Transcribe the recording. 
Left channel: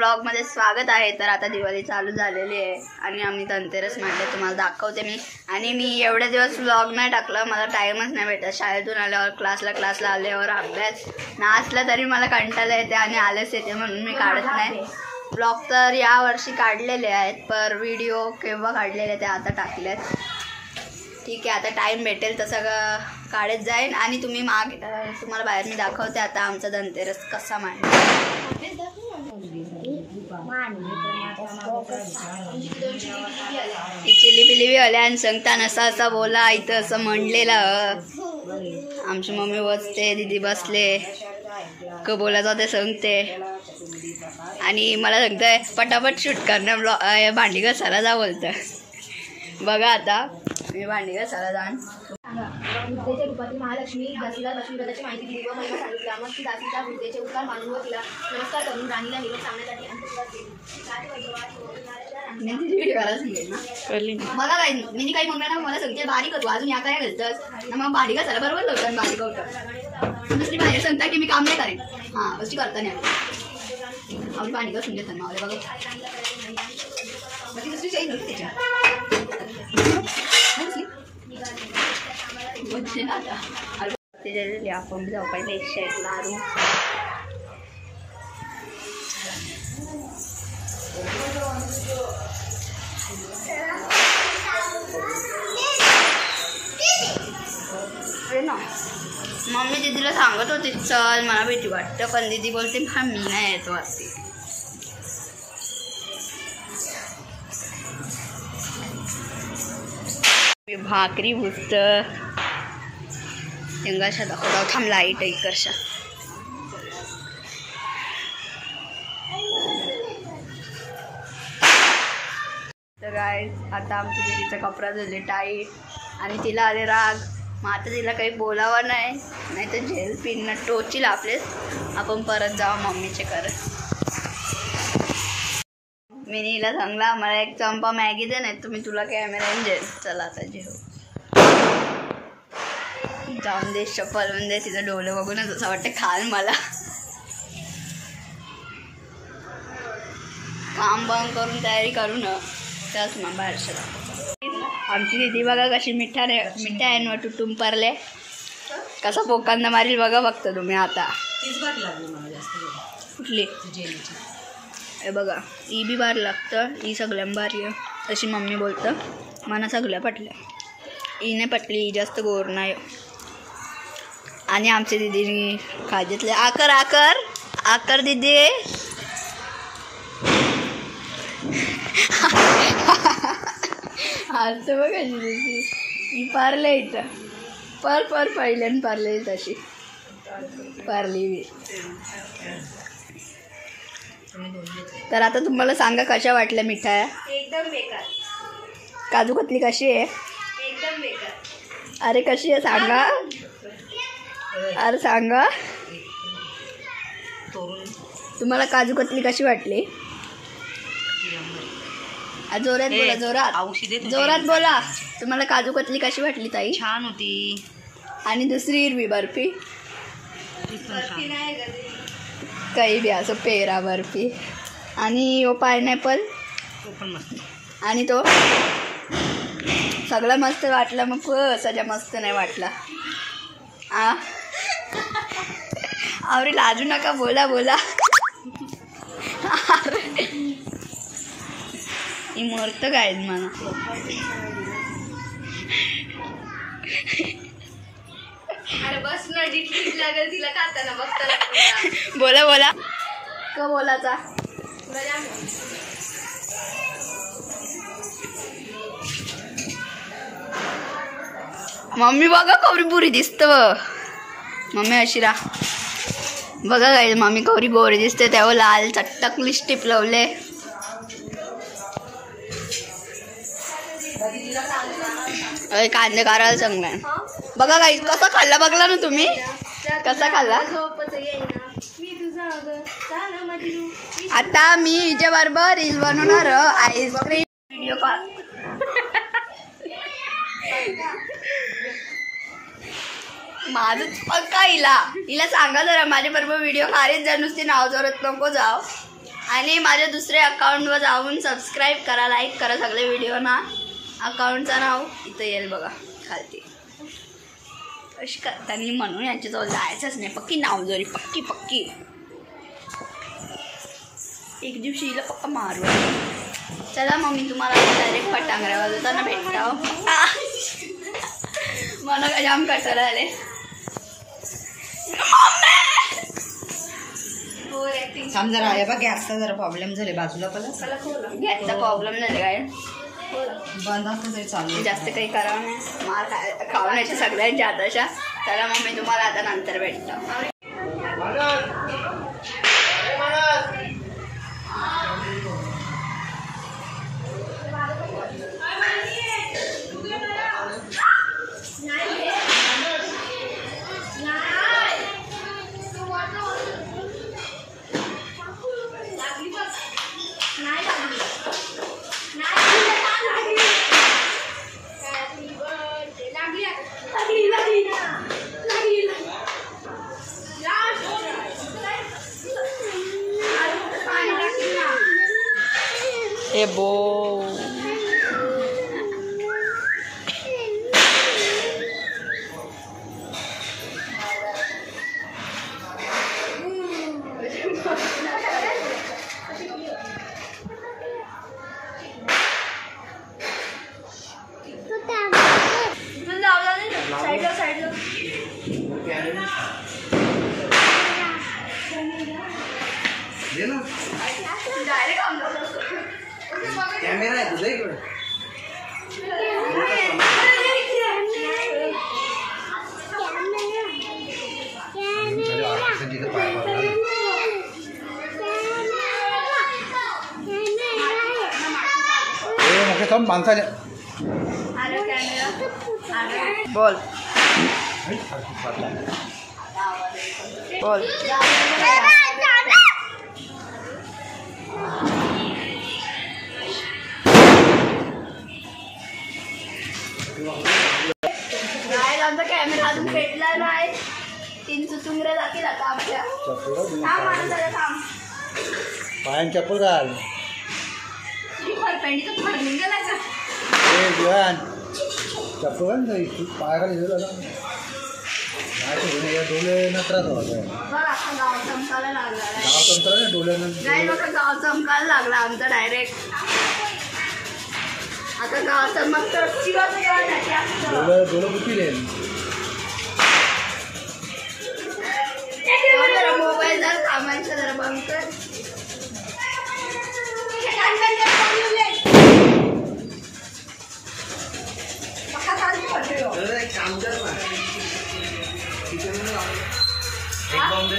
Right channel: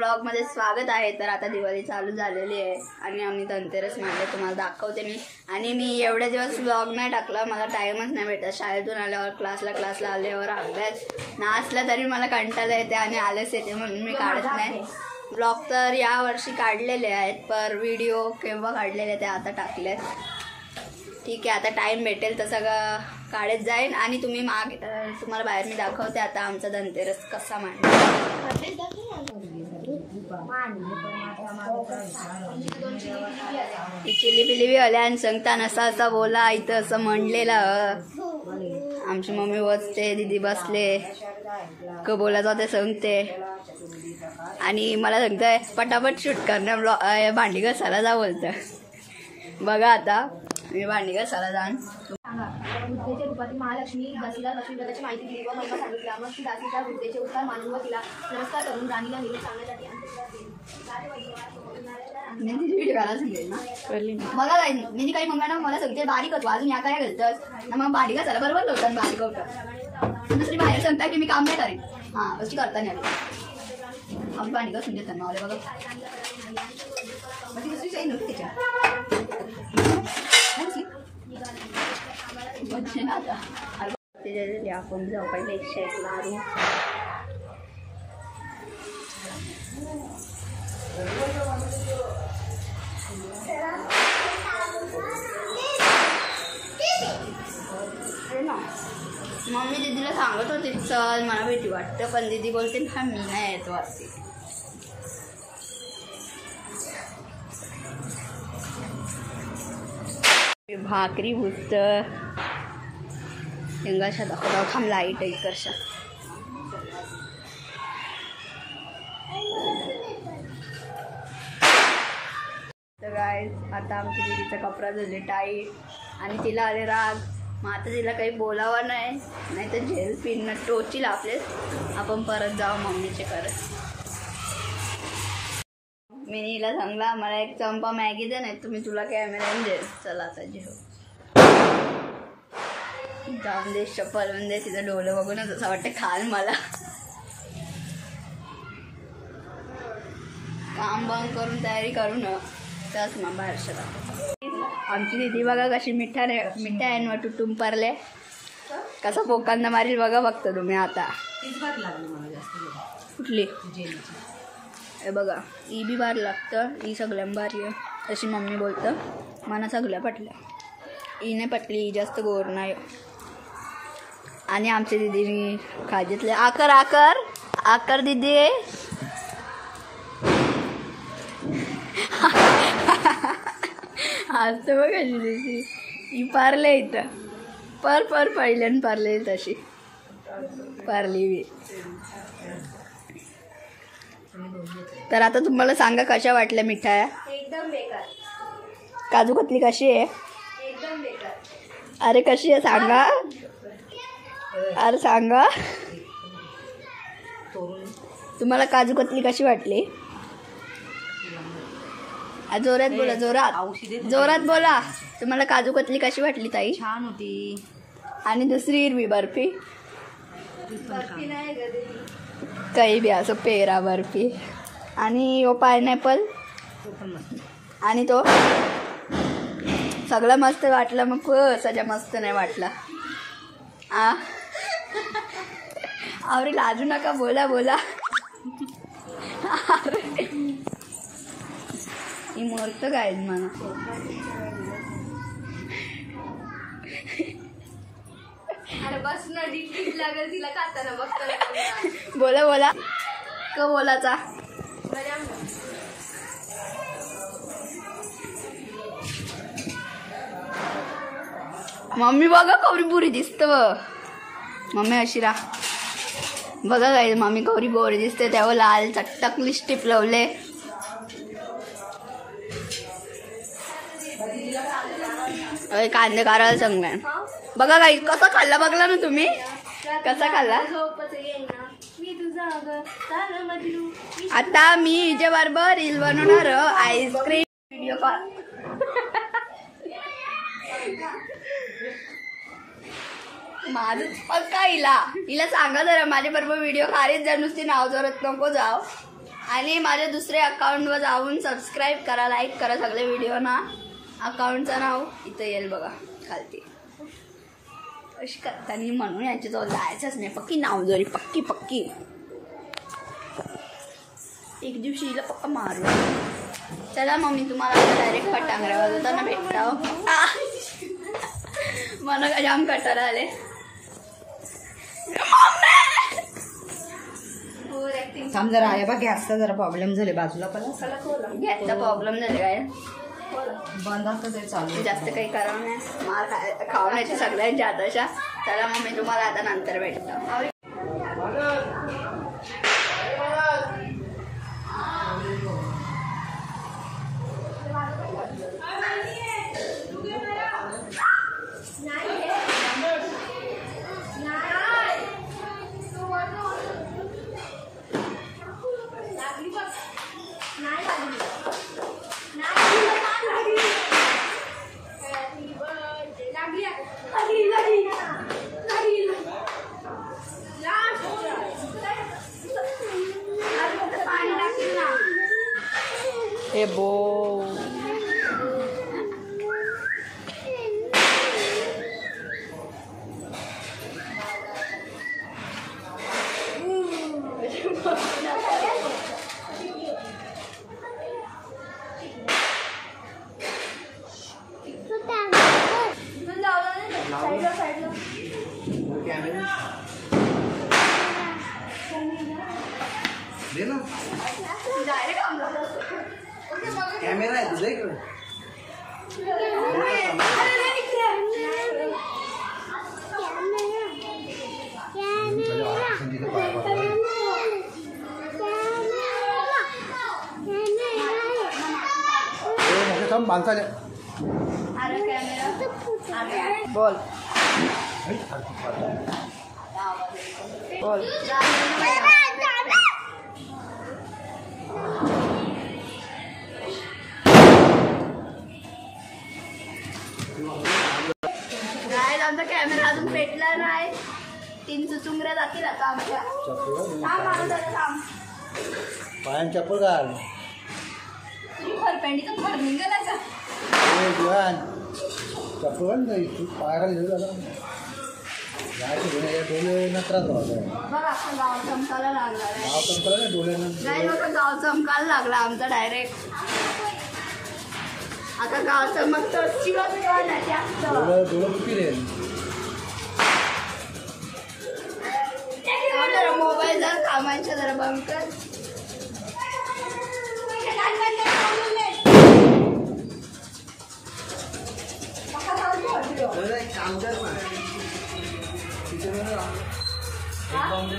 व्लॉगमध्ये स्वागत आहे. तर आता दिवाळी चालू झालेली आहे आणि आम्ही धनतेरस मांडले, तुम्हाला दाखवते मी. आणि मी एवढे दिवस व्लॉग नाही टाकला, मला टाईमच नाही भेटत. शाळेतून आल्यावर क्लासला आल्यावर अभ्यास नसला तरी मला कंटाळा येते आणि आलस येते, म्हणून मी काढत नाही व्लॉग. तर यावर्षी काढलेले आहेत, पर व्हिडिओ केव्हा काढलेले ते आता टाकले. ठीक आहे, आता टाईम भेटेल तर सगळं काढत जाईन आणि तुम्ही तुम्हाला बाहेर मी दाखवते आता आमचा धनतेरस कसा मांडला. चिली पिली आल्या आणि सांगताना असा बोला इथं असं म्हणलेलं. आमची मम्मी बसते, दीदी बसले, बोलायचं ते सांगते आणि मला सांगतंय पटापट शूट करणं, भांडी घासायला जा बोलतं. बघा आता मी भांडी घासायला जाण. बुद्धेच्या रूपातील महालक्ष्मी दासीला लक्ष्मीपदाची माहिती दिली व महिला सांगितल्या. मग ती दासीच्या बुद्धेचे उत्तर मानून व तिला नमस्कार करून राणीला निरोप सांगण्यासाठी मला काय मी काही म्हणणार ना, मला सांगते बारीक होतो अजून या काय घालतंस ना, मग भांडी घासायला बरोबर होतं बारीक होतं. दुसरी बाहेर सांगता की मी काम नाही करेन. हां अशी करता नाही आम्ही भांडी घासून देतात मला बघा. दुसरी काही नव्हती त्याच्या आपण जाऊ पहिले शेट लारू. मम्मी दीदीला सांगत होती चल मला भीती वाटतं, पण दीदी बोलते हा मी नाही येत वाटते. भाकरी भुसत इंगाशा दाखवता थांब लाईट आहे करशा. तर गाईज आता आमच्या दीदीचा कपडा झाले टाईट आणि तिला आले राग. मग आता तिला काही बोलावं नाही तर झेल पिन टोचील आपलेच. आपण परत जाऊ मम्मीचे करत. मी हिला सांगला मला एक चंपा मॅगी दे, नाही तुम्ही तुला कॅमेरा जेल. चला आता जेव जाऊन दे, चप्पल दे. तिचं डोलं बघूनच असं वाटतं खाल मला. काम बंद करून तयारी करू न त्याच मग बाहेरच्या दाखव. आमची दीदी बघा कशी मिठा आहे न टुटून परले, कसा पोकांना मारील बघा फक्त तुम्ही. आता कुठली हे बघा ही बी बार लागतं, ही सगळ्यां बारी आहे तशी मम्मी बोलतं. मला सगळ्या पटल्या, ही नाही पटली, ही जास्त गोर नाही. आणि आमच्या दीदीने खाजेतले आकर आकर आकर दीदी आज तर बघा दीदी ही पारले इथं पर पहिल्यान पारले तशी पारली बी. तर आता तुम्हाला सांगा कशा वाटल्या मिठाया. एकदम बेकार. काजू कतली कशी आहे. एकदम बेकार. अरे कशी आहे सांगा, अरे सांगा तुम्हाला काजू कतली कशी वाटली. जोरात बोला, जोरात बोला. तुम्हाला काजू कतली कशी वाटली ताई. छान होती. आणि दुसरी हिरवी बर्फी काही बी असं पेरा बर्फी आणि ओ पायनॅपल आणि तो सगळं मस्त वाटलं. मग सगळं मस्त नाही वाटला. अरे लाजू नका, बोला बोला. ही मरतं काय मला. बस ना डिट लागेल तिला खाताना बघताना. बोला बोला का बोलाचा. मम्मी बघा कवरी बुरी दिसत. मम्मी अशी रा बघा काय मम्मी कवरी गोरी दिसते. तेव्हा लाल चट्टक लिस्टिप लावले. अरे कांदे कारायला सांगलाय बघा काही कसा खाल्ला बघला ना तुम्ही. कसा खाल्ला. आता मी हिच्या बरोबर रील बनवणार आईस्क्रीम व्हिडिओ कॉल. माझंच पक्का हिला सांगा जरा माझ्या बरोबर व्हिडिओ काढत जा, नुसती नाव जोरत नको जाव. आणि माझ्या दुसऱ्या अकाउंटवर जाऊन सबस्क्राईब करा, लाईक करा सगळे व्हिडिओ ना. अकाउंटचं नाव इथं येईल बघा खालती. अशी करताना म्हणून यांच्याजवळ जायचंच नाही. पक्की नाव जरी पक्की पक्की एक दिवशी हिला पक्का मारू. चला मग मी तुम्हाला डायरेक्ट फटांगऱ्या वाजवताना भेटतो. मला काय जाम कटर आले. थांब जरा आहे बघ गॅसचा जरा प्रॉब्लेम झाले बाजूला गॅसचा प्रॉब्लेम झाले काय बंद असतं तरी चालू. जास्त काही करावं नाही. मार खाऊन यायच्या सगळ्यात जादाशा. चला मग मी तुम्हाला आता नंतर भेटतो. ए बो कॅमेरा आहे तुझ्या इकडे. बोल बोल. आमचा कॅमेरा अजून पेटला नाही. 3 चुचुंगऱ्या जातील आता आमच्या. थांब मला जरा थांब. पायान चप्पल घाल. फरपेंडीचं फर निघाला का? चप्पल घाल नाही पायाखाली डोले न त्रास होता. बघ आता गाव चमकायला लागला. गाव चमकला नाही डोल्यानं. नाही लोक गाव चमकायला लागला आमचा डायरेक्ट. आता गाव चमक तर डोलं बुकिले. मोबाईल जर कामांचं जरा बंद कर. काम कर ना. एक बॉम्बे